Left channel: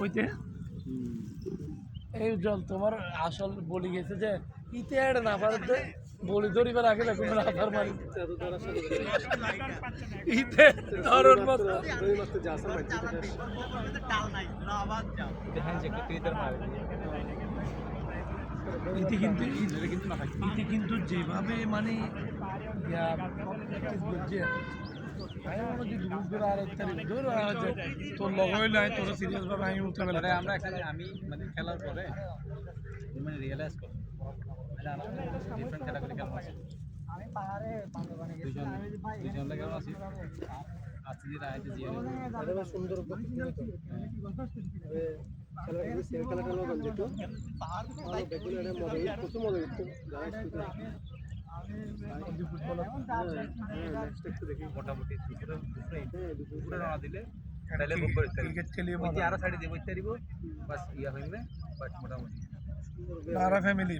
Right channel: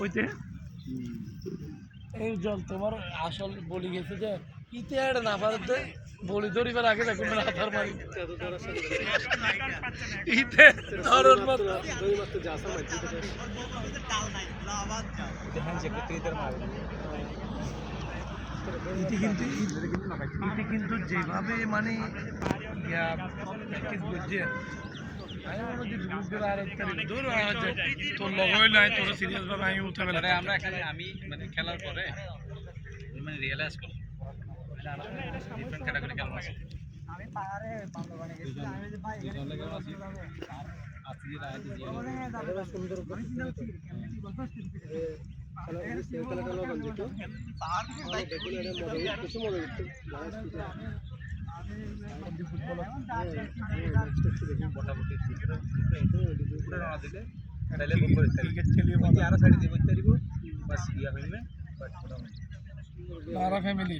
ওইতে এই জল তোমার আসল বলি গেছে যে ইতে আর না পারতে বলি ধরিবার আগে দেখো না আধার মারি ইতে ধরন মত দুই মাত্র যাসা মাঝি থেকে দেখেন যে কত ইদার মারে ইতি কিন্তু যেভাবে মানে ইয়া বুঝছে আমি মনে যে গ্রুপের আর দূর তোর লগ হইলে তোর সিরিয়াস ভাবে আমি উঠে গেলে আমরা এখানে আমি মানে খেলার পরে মানে রিয়েলাইজ করলাম ডিফারেন্ট ক্যাটাগরি কেমন আছে আমি পারে দুজন লাগে কেমন আছি আজকে যে রাইতে জিয়া এটা সুন্দর খেলা খেলা গঞ্জ তো আর দেখুন এটা মজা কিছু মজা হচ্ছে মোটামুটি দুপুরে রানা দিলে তাহলে ক্রিকেট খেলিয়ে আরো সাইডে দিব ইত্যাদি বাস ইয়া হইবে বাট মোটামুটি ফ্যামিলি